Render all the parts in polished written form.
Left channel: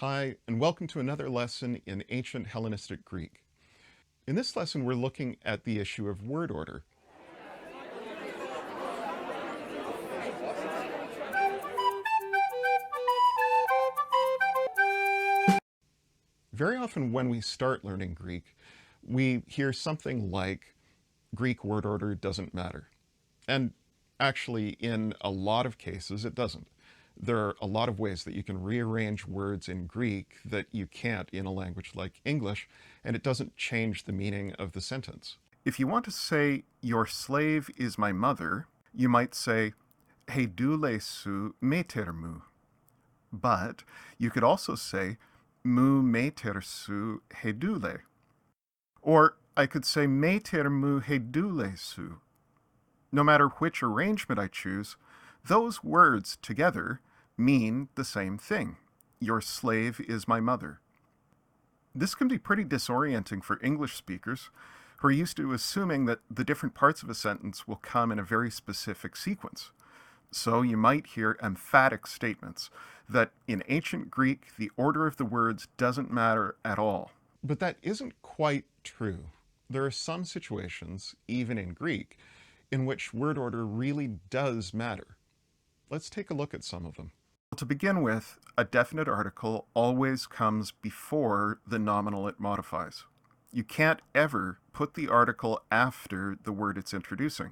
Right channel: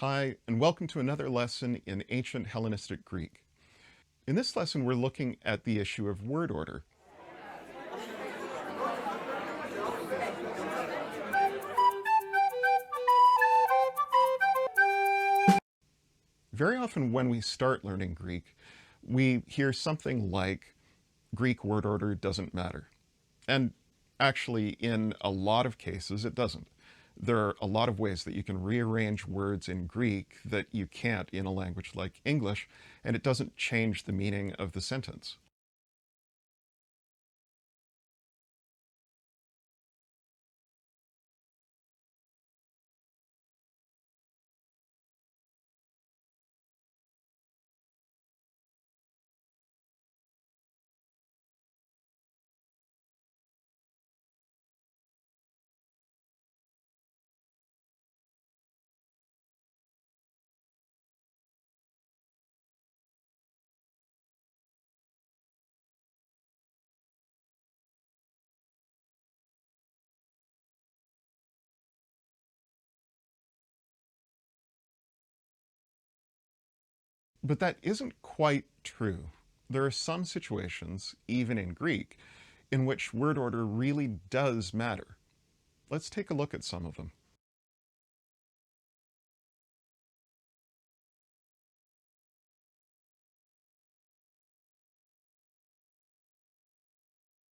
Hi, and welcome to another lesson in ancient Hellenistic Greek. In this lesson, we're looking at the issue of word order. Very often when we start learning Greek, we hear something like, Greek word order doesn't matter. And actually, in a lot of cases, it doesn't. There are a lot of ways that you can rearrange words in Greek that you can't in a language like English, and it doesn't change the meaning of the sentence. If you want to say, your slave is my mother, you might say, heidule su meter mu. But you could also say, mu meter su heidule. Or I could say, meter mu heidule su. No matter which arrangement I choose, those words together mean the same thing. Your slave is my mother. This can be pretty disorienting for English speakers who are used to assuming that the different parts of a sentence will come in a very specific sequence. So you might hear emphatic statements that in ancient Greek, the order of the words doesn't matter at all. But that isn't quite true. There are some situations, even in Greek, in which word order really does matter. Let's take a look at some of them. To begin with, a definite article always comes before the nominal it modifies. You can't ever put the article after the word it's introducing,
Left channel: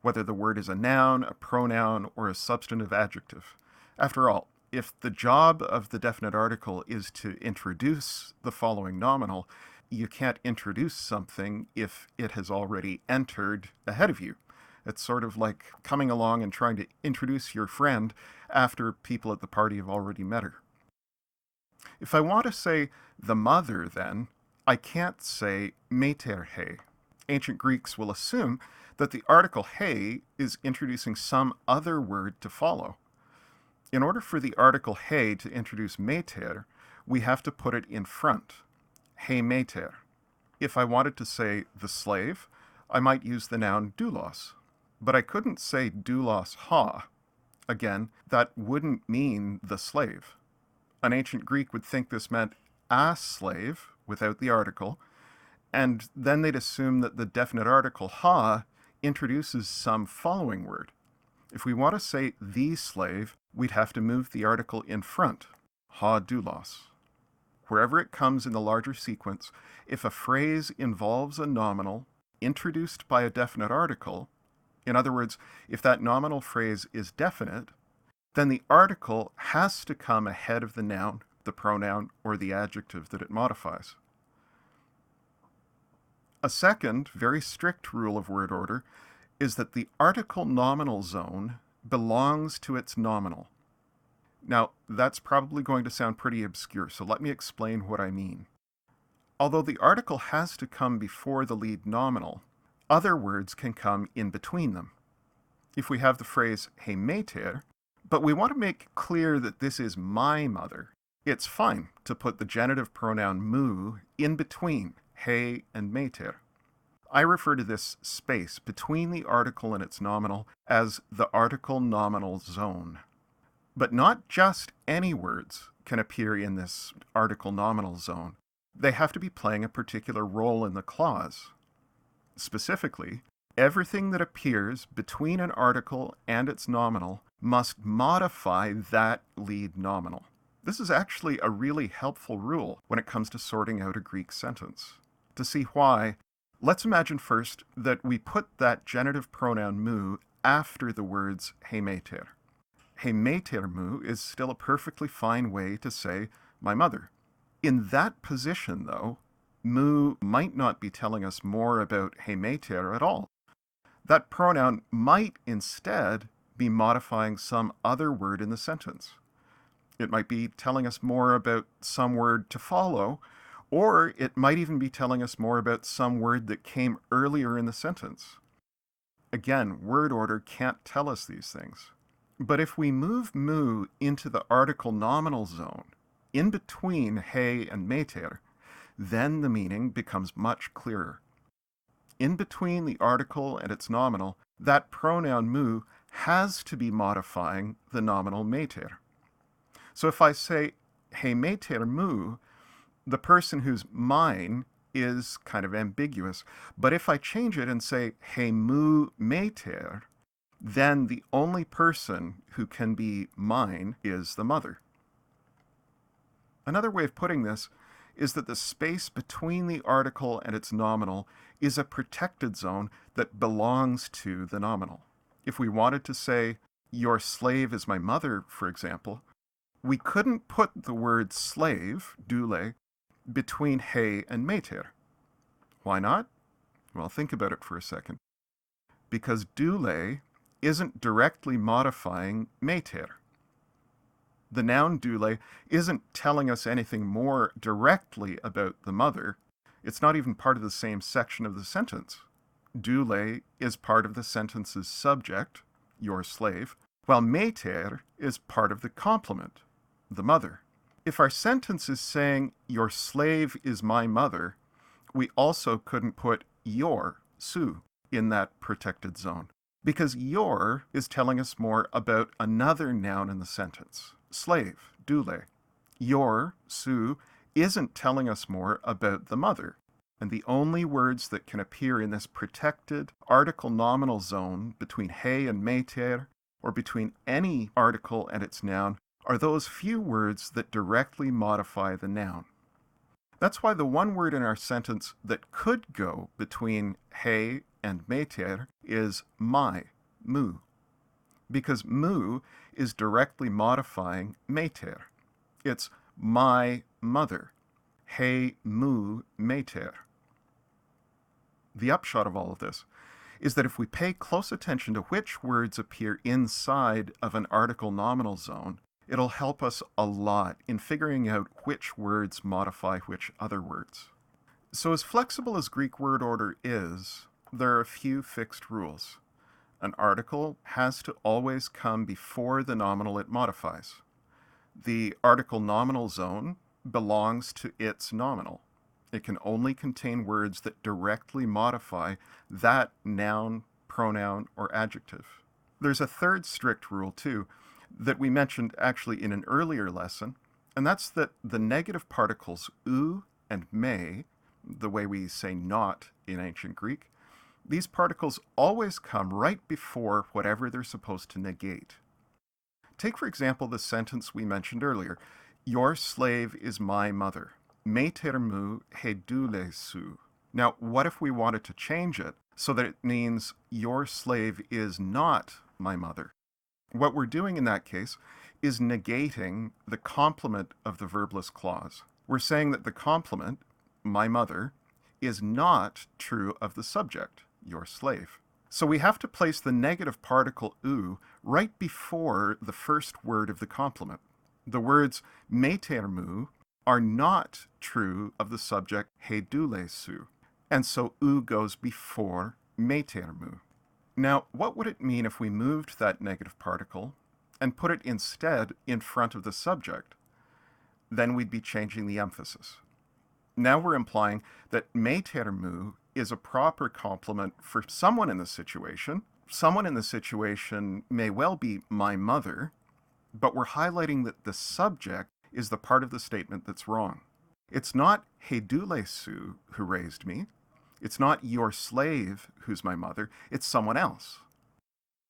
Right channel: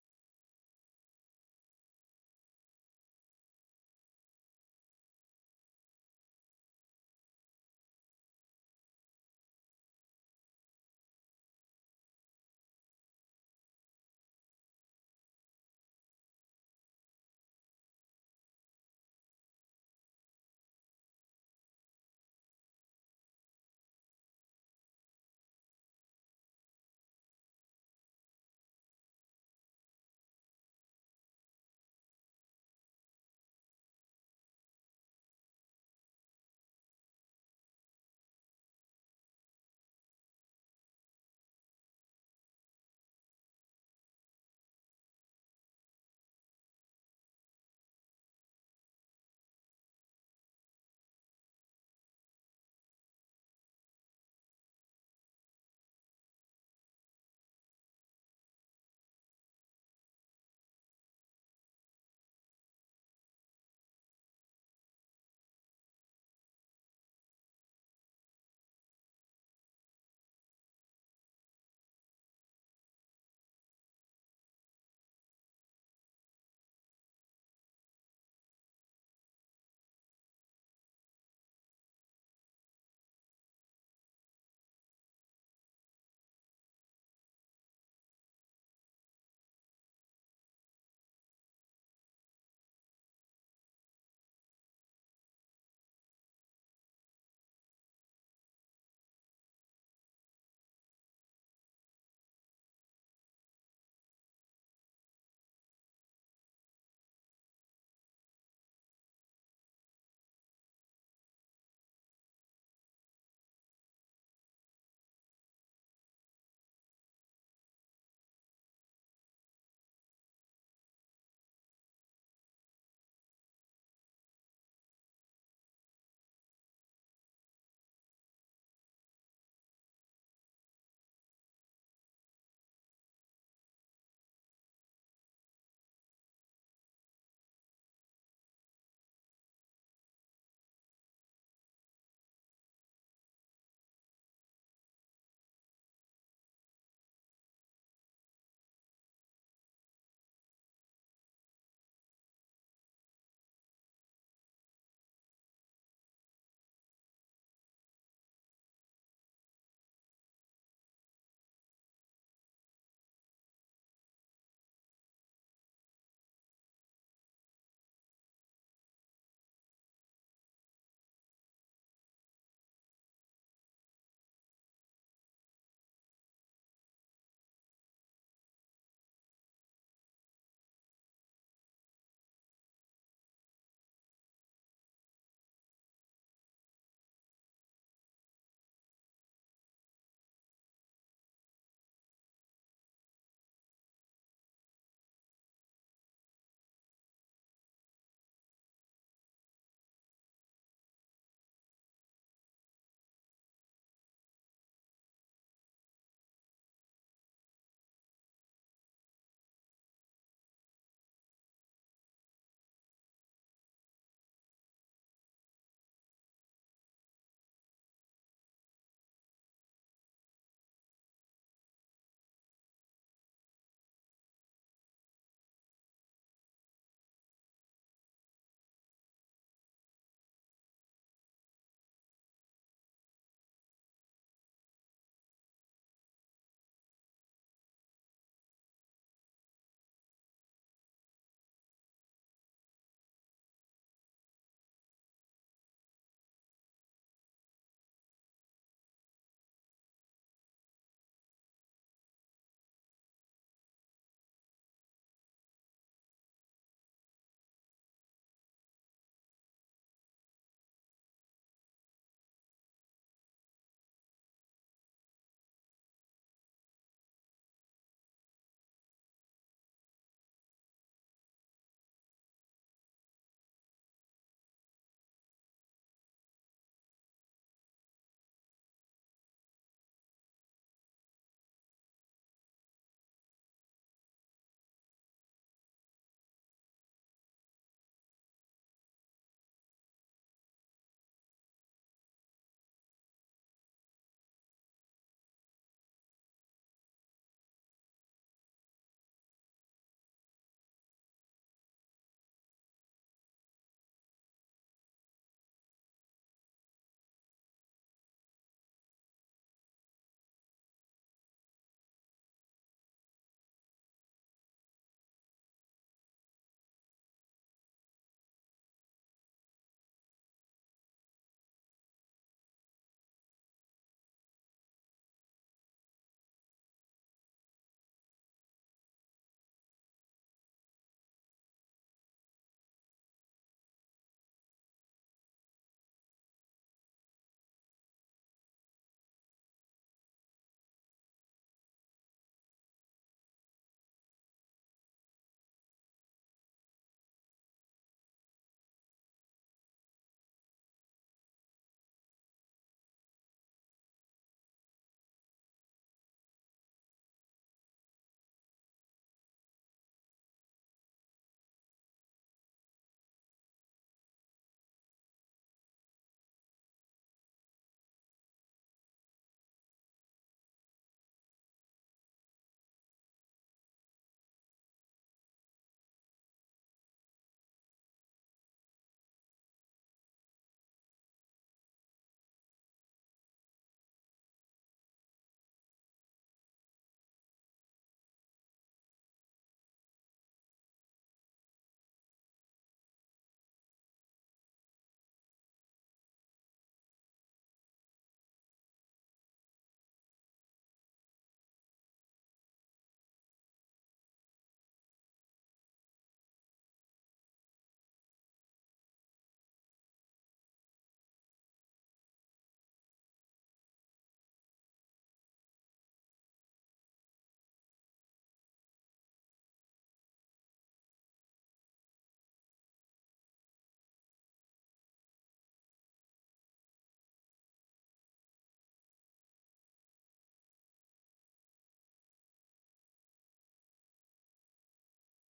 whether the word is a noun, a pronoun, or a substantive adjective. After all, if the job of the definite article is to introduce the following nominal, you can't introduce something if it has already entered ahead of you. It's sort of like coming along and trying to introduce your friend after people at the party have already met her. If I want to say the mother, then, I can't say meter he. Ancient Greeks will assume that the article he is introducing some other word to follow. In order for the article he to introduce meter, we have to put it in front. He meter. If I wanted to say the slave, I might use the noun doulos. But I couldn't say doulos ha. Again, that wouldn't mean the slave. An ancient Greek would think this meant a slave without the article, and then they'd assume that the definite article ha introduces some following word. If we want to say the slave, we'd have to move the article in front, ha doulos. Wherever it comes in the larger sequence, if a phrase involves a nominal introduced by a definite article, in other words, if that nominal phrase is definite, then the article has to come ahead of the noun, the pronoun, or the adjective that it modifies. A second, very strict rule of word order is that the article nominal zone belongs to its nominal. Now, that's probably going to sound pretty obscure, so let me explain what I mean. Although the article has to come before the lead nominal, other words can come in between them. If we have the phrase he meter, but we want to make clear that this is my mother, it's fine to put the genitive pronoun mu in between he and meter. I refer to this space between the article and its nominal as the article nominal zone. But not just any words can appear in this article nominal zone. They have to be playing a particular role in the clause. Specifically, everything that appears between an article and its nominal must modify that lead nominal. This is actually a really helpful rule when it comes to sorting out a Greek sentence. To see why, let's imagine first that we put that genitive pronoun mu after the words he meter. He meter mu is still a perfectly fine way to say my mother. In that position, though, mu might not be telling us more about he meter at all. That pronoun might instead be modifying some other word in the sentence. It might be telling us more about some word to follow, or it might even be telling us more about some word that came earlier in the sentence. Again, word order can't tell us these things. But if we move mu into the article nominal zone, in between he and meter, then the meaning becomes much clearer. In between the article and its nominal, that pronoun mu has to be modifying the nominal meter. So if I say he meter mu, the person who's mine is kind of ambiguous. But if I change it and say he mu meter, then the only person who can be mine is the mother. Another way of putting this is that the space between the article and its nominal is a protected zone that belongs to the nominal. If we wanted to say, your slave is my mother, for example, we couldn't put the word slave, doule, between he and meter. Why not? Well, think about it for a second. Because doule isn't directly modifying meter. The noun doule isn't telling us anything more directly about the mother. It's not even part of the same section of the sentence. Doule is part of the sentence's subject, your slave, while meter is part of the complement, the mother. If our sentence is saying, your slave is my mother, we also couldn't put your, su, in that protected zone. Because your is telling us more about another noun in the sentence, slave, doule. Your, su, isn't telling us more about the mother. And the only words that can appear in this protected article nominal zone between he and meter, or between any article and its noun, are those few words that directly modify the noun. That's why the one word in our sentence that could go between he and meter is my, mu, because mu is directly modifying meter. It's my mother, he mu meter. The upshot of all of this is that if we pay close attention to which words appear inside of an article nominal zone, it'll help us a lot in figuring out which words modify which other words. So as flexible as Greek word order is, there are a few fixed rules. An article has to always come before the nominal it modifies. The article nominal zone belongs to its nominal. It can only contain words that directly modify that noun, pronoun, or adjective. There's a third strict rule, too, that we mentioned actually in an earlier lesson, and that's that the negative particles ou and me, the way we say not in ancient Greek, these particles always come right before whatever they're supposed to negate. Take, for example, the sentence we mentioned earlier, your slave is my mother. Meter mu he doule su. Now, what if we wanted to change it so that it means your slave is not my mother? What we're doing in that case is negating the complement of the verbless clause. We're saying that the complement, my mother, is not true of the subject, your slave. So we have to place the negative particle ou right before the first word of the complement. The words meter mu are not true of the subject he doule su, and so ou goes before meter mu. Now, what would it mean if we moved that negative particle and put it instead in front of the subject? Then we'd be changing the emphasis. Now we're implying that meter mu is a proper complement for someone in the situation. Someone in the situation may well be my mother, but we're highlighting that the subject is the part of the statement that's wrong. It's not he doule su who raised me. It's not your slave who's my mother. It's someone else.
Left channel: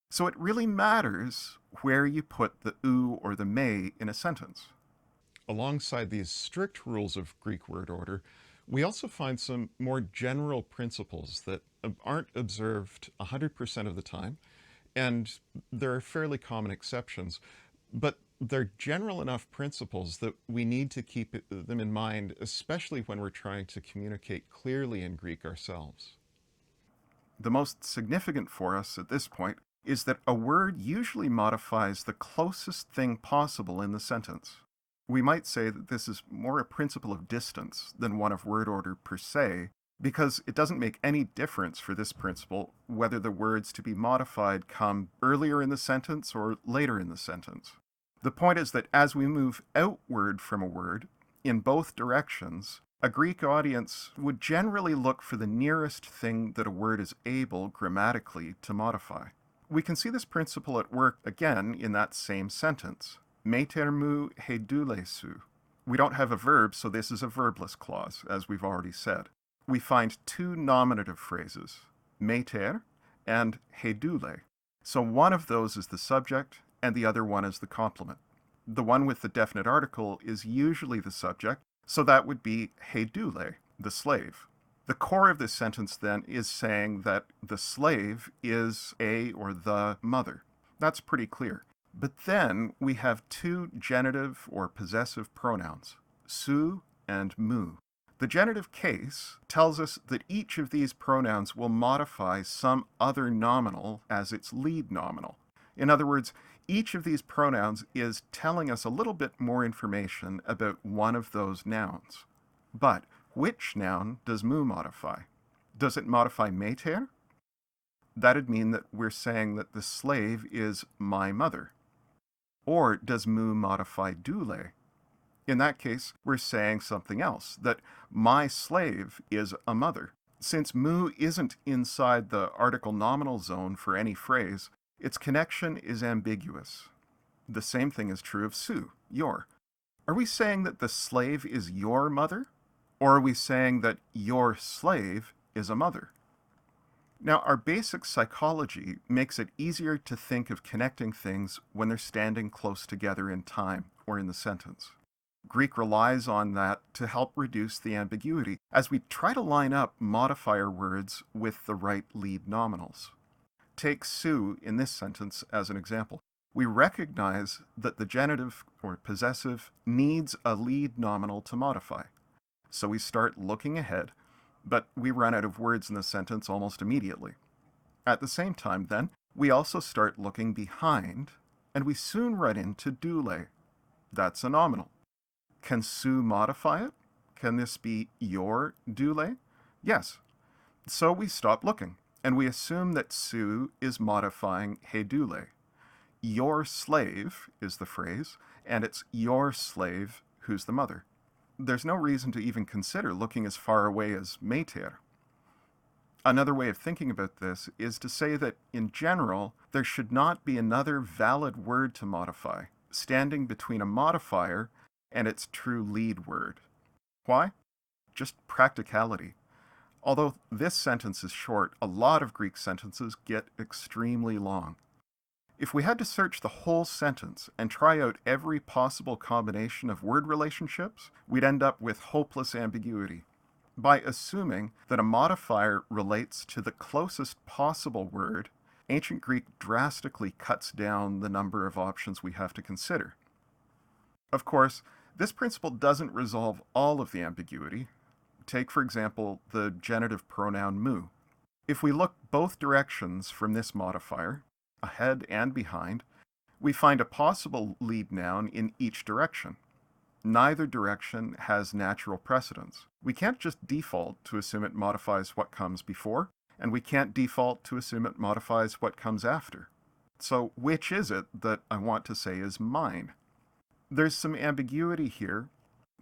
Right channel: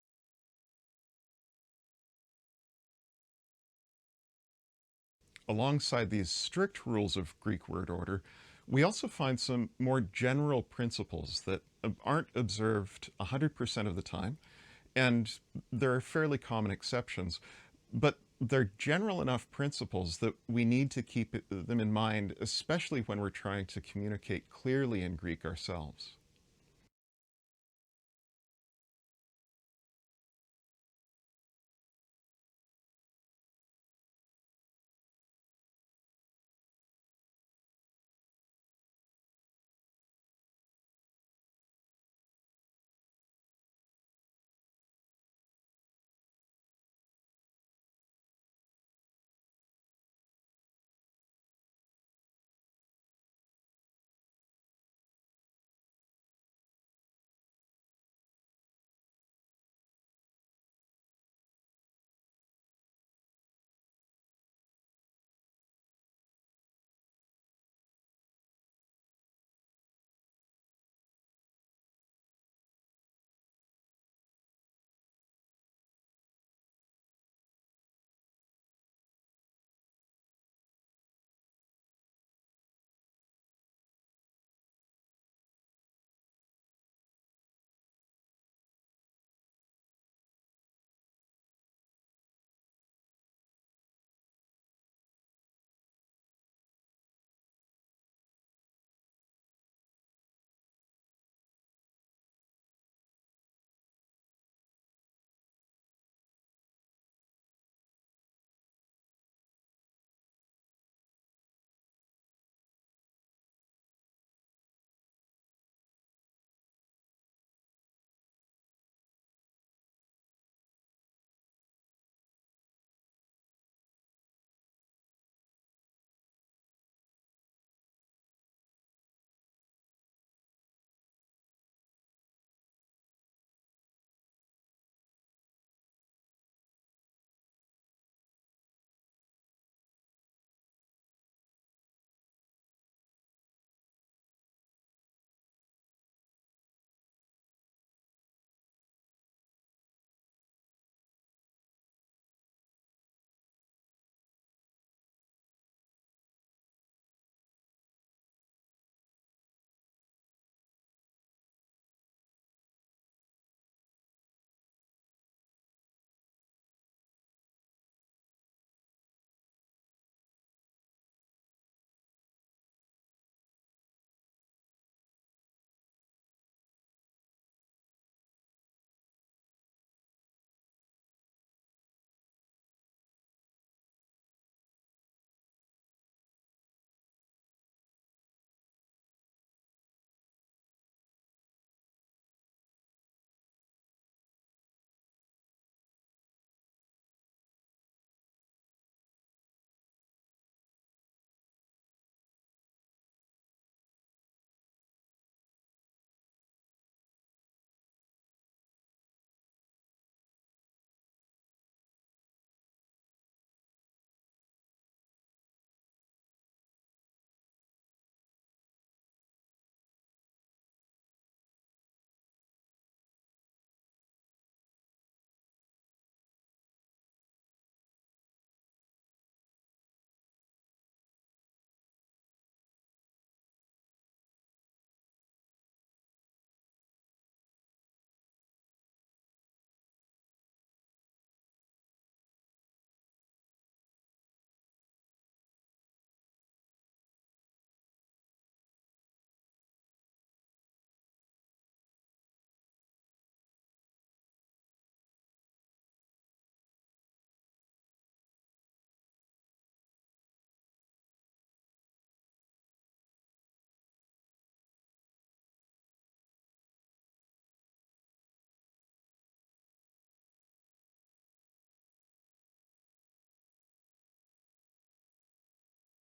So it really matters where you put the ou or the me in a sentence. Alongside these strict rules of Greek word order, we also find some more general principles that aren't observed 100% of the time, and there are fairly common exceptions, but they're general enough principles that we need to keep them in mind, especially when we're trying to communicate clearly in Greek ourselves. The most significant for us at this point is that a word usually modifies the closest thing possible in the sentence. We might say that this is more a principle of distance than one of word order per se, because it doesn't make any difference for this principle whether the words to be modified come earlier in the sentence or later in the sentence. The point is that as we move outward from a word, in both directions, a Greek audience would generally look for the nearest thing that a word is able grammatically to modify. We can see this principle at work again in that same sentence. Meter mu he doule su. We don't have a verb, so this is a verbless clause, as we've already said. We find two nominative phrases, meter and hedule. So one of those is the subject, and the other one is the complement. The one with the definite article is usually the subject, so that would be hedule, the slave. The core of this sentence then is saying that the slave is a or the mother. That's pretty clear. But then we have two genitive or possessive pronouns, su and mu. The genitive case tells us that each of these pronouns will modify some other nominal as its lead nominal. In other words, each of these pronouns is telling us a little bit more information about one of those nouns. But which noun does mu modify? Does it modify meter? That'd mean that we're saying that the slave is my mother. Or does mu modify dule? In that case, we're saying something else, that my slave is a mother. Since mu isn't inside the article nominal zone for any phrase, its connection is ambiguous. The same thing is true of su, your. Are we saying that the slave is your mother? Or are we saying that your slave is a mother? Now, our basic psychology makes it easier to think of connecting things when they're standing close together in time or in the sentence. Greek relies on that to help reduce the ambiguity as we try to line up modifier words with the right lead nominals. Take su in this sentence as an example. We recognize that the genitive or possessive needs a lead nominal to modify. So we start looking ahead, but we run out of words in the sentence almost immediately. At the same time, then, we also start looking behind, and we soon run into dule. That's a nominal. Can su modify it? Can this be your dule? Yes. So we stop looking, and we assume that su is modifying hedule. Your slave is the phrase, and it's your slave who's the mother. There's no reason to even consider looking as far away as meter. Another way of thinking about this is to say that, in general, there should not be another valid word to modify, standing between a modifier and its true lead word. Why? Just practicality. Although this sentence is short, a lot of Greek sentences get extremely long. If we had to search the whole sentence and try out every possible combination of word relationships, we'd end up with hopeless ambiguity. By assuming that a modifier relates to the closest possible word, ancient Greek drastically cuts down the number of options we have to consider. Of course, this principle doesn't resolve all of the ambiguity. Take, for example, the genitive pronoun mu. If we look both directions from this modifier, ahead and behind, we find a possible lead noun in each direction. Neither direction has natural precedence. We can't just default to assume it modifies what comes before, and we can't default to assume it modifies what comes after. So which is it that I want to say is mine? There's some ambiguity here,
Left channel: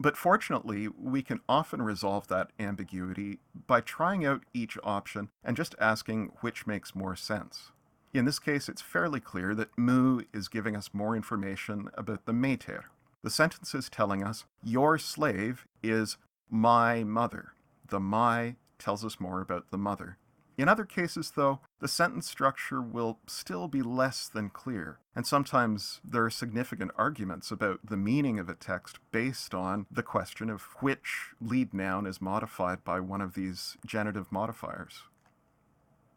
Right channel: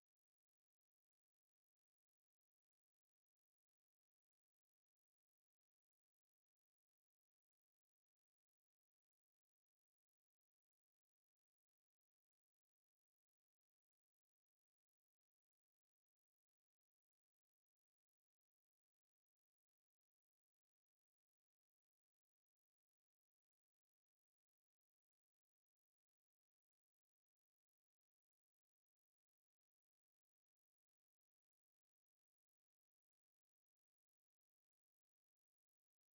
but fortunately, we can often resolve that ambiguity by trying out each option and just asking which makes more sense. In this case, it's fairly clear that mu is giving us more information about the meter. The sentence is telling us, your slave is my mother. The my tells us more about the mother. In other cases, though, the sentence structure will still be less than clear, and sometimes there are significant arguments about the meaning of a text based on the question of which lead noun is modified by one of these genitive modifiers.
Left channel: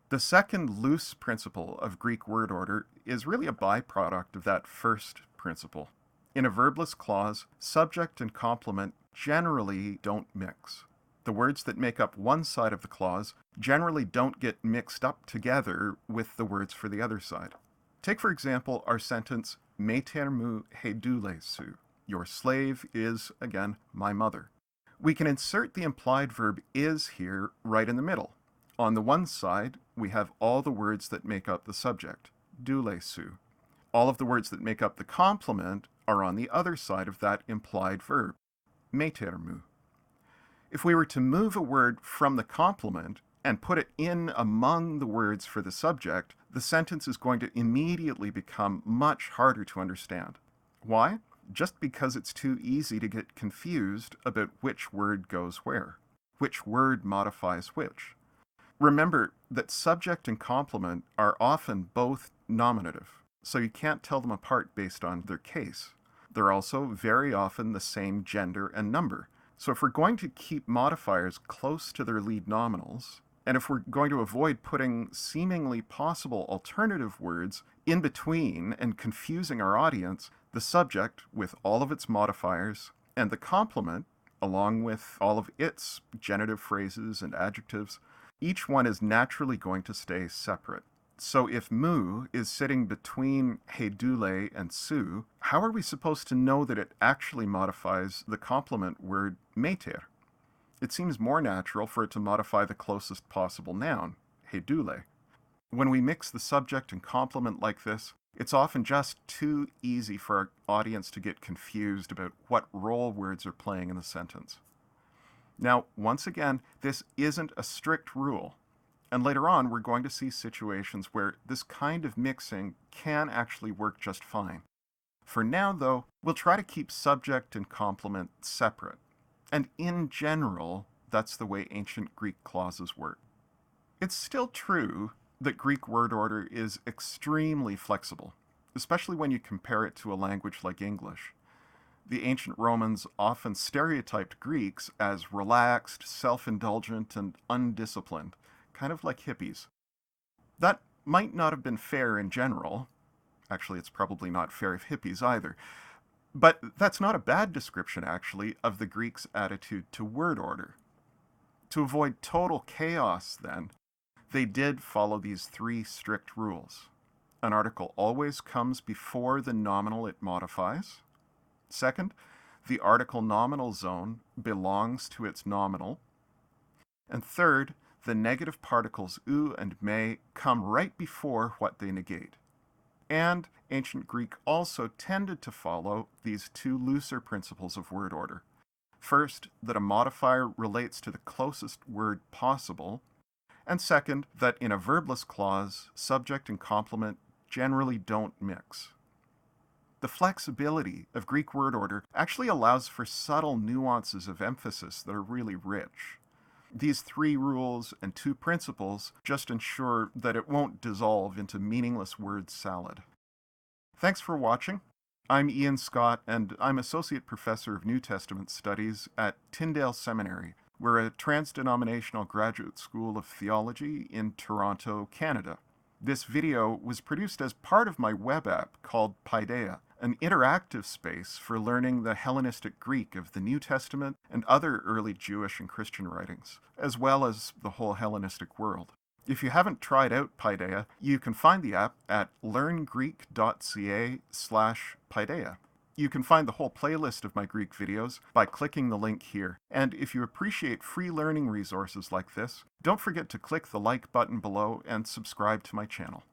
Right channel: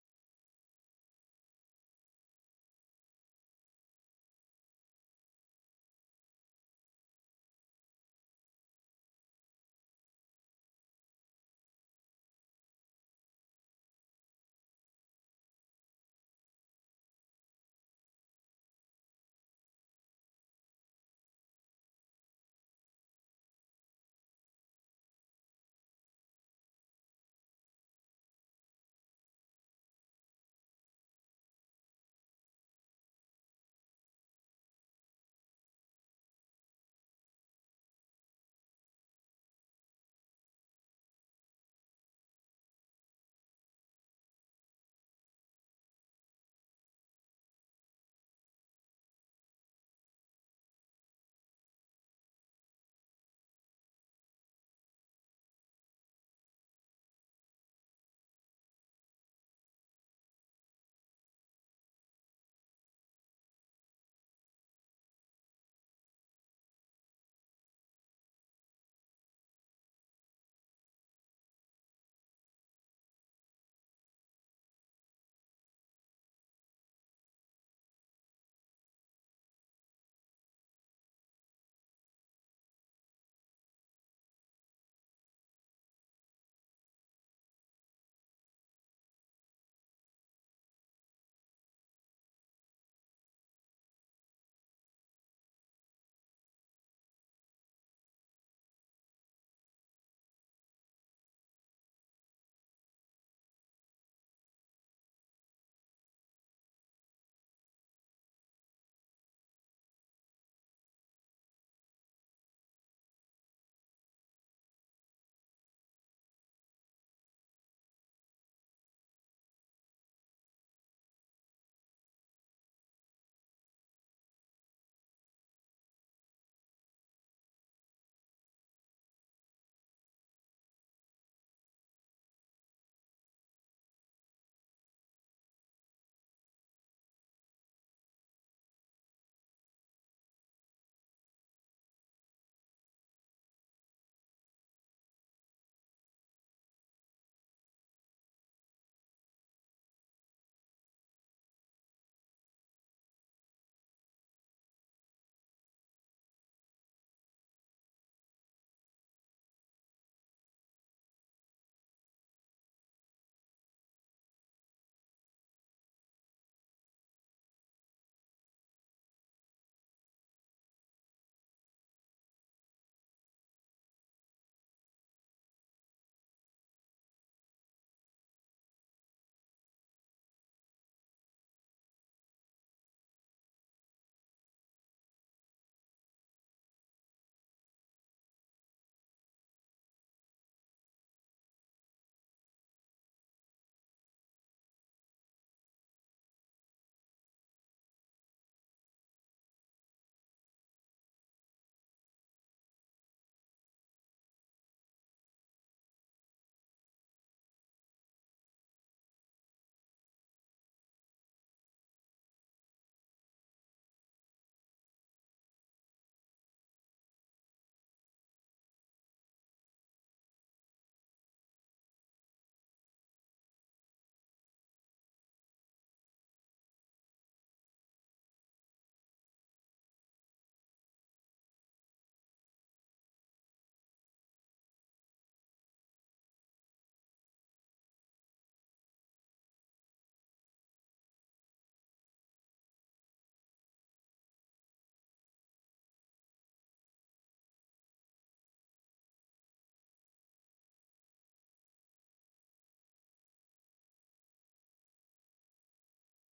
The second loose principle of Greek word order is really a byproduct of that first principle. In a verbless clause, subject and complement generally don't mix. The words that make up one side of the clause generally don't get mixed up together with the words for the other side. Take, for example, our sentence, meter mu hedule su. Your slave is, again, my mother. We can insert the implied verb is here right in the middle. On the one side, we have all the words that make up the subject, dule su. All of the words that make up the complement are on the other side of that implied verb, meter mu. If we were to move a word from the complement and put it in among the words for the subject, the sentence is going to immediately become much harder to understand. Why? just because it's too easy to get confused about which word goes where, which word modifies which. Remember that subject and complement are often both nominative, so you can't tell them apart based on their case. They're also very often the same gender and number. So if we're going to keep modifiers close to their lead nominals, and if we're going to avoid putting seemingly possible alternative words in between and confusing our audience, the subject, with all of its modifiers, and the complement, along with all of its genitive phrases and adjectives, each one is naturally going to stay separate. So if mu is sitting between hedule and su, how are we supposed to know that it actually modifies the complement word meter? It seems more natural for it to modify the closest possible noun, hedule. When we mix the subject and complement like this, it's often just too easy for our audience to get confused about what role words are playing in the sentence. Now, once again, this isn't a strict rule. And later on, we're going to see situations where this kind of mixing can actually work just fine. For now, though, we'll try to keep subject and complement separate. And in general, that's the way ancient Greek clauses work. It's still true that Greek word order is extremely flexible, especially when you compare it to a language like English. The ancient Romans often stereotyped Greeks as relaxed, self-indulgent, and undisciplined, kind of like hippies. That might not have been fair in general. Actually, it's probably not fair of hippies either. But that's not a bad description, actually, of the Greeks' attitude to word order. To avoid total chaos, then, they did follow these 3 strict rules. An article always comes before the nominal it modifies. Second, the article nominal zone belongs to its nominal. And third, the negative particles u and me come right before what they negate. And ancient Greek also tended to follow these 2 looser principles of word order. First, that a modifier relates to the closest word possible, and second, that in a verbless clause, subject and complement generally don't mix. The flexibility of Greek word order actually allows for subtle nuances of emphasis that are really rich. These 3 rules and 2 principles just ensure that it won't dissolve into meaningless word salad. Thanks for watching. I'm Ian Scott, and I'm Associate Professor of New Testament Studies at Tyndale Seminary. We're a trans-denominational graduate school of theology in Toronto, Canada. This video was produced as part of my web app called Paideia, an interactive space for learning the Hellenistic Greek of the New Testament and other early Jewish and Christian writings, as well as the whole Hellenistic world. If you haven't tried out Paideia, you can find the app at learngreek.ca/Paideia. You can find the whole playlist of my Greek videos by clicking the link here. And if you appreciate free learning resources like this, don't forget to click the like button below and subscribe to my channel.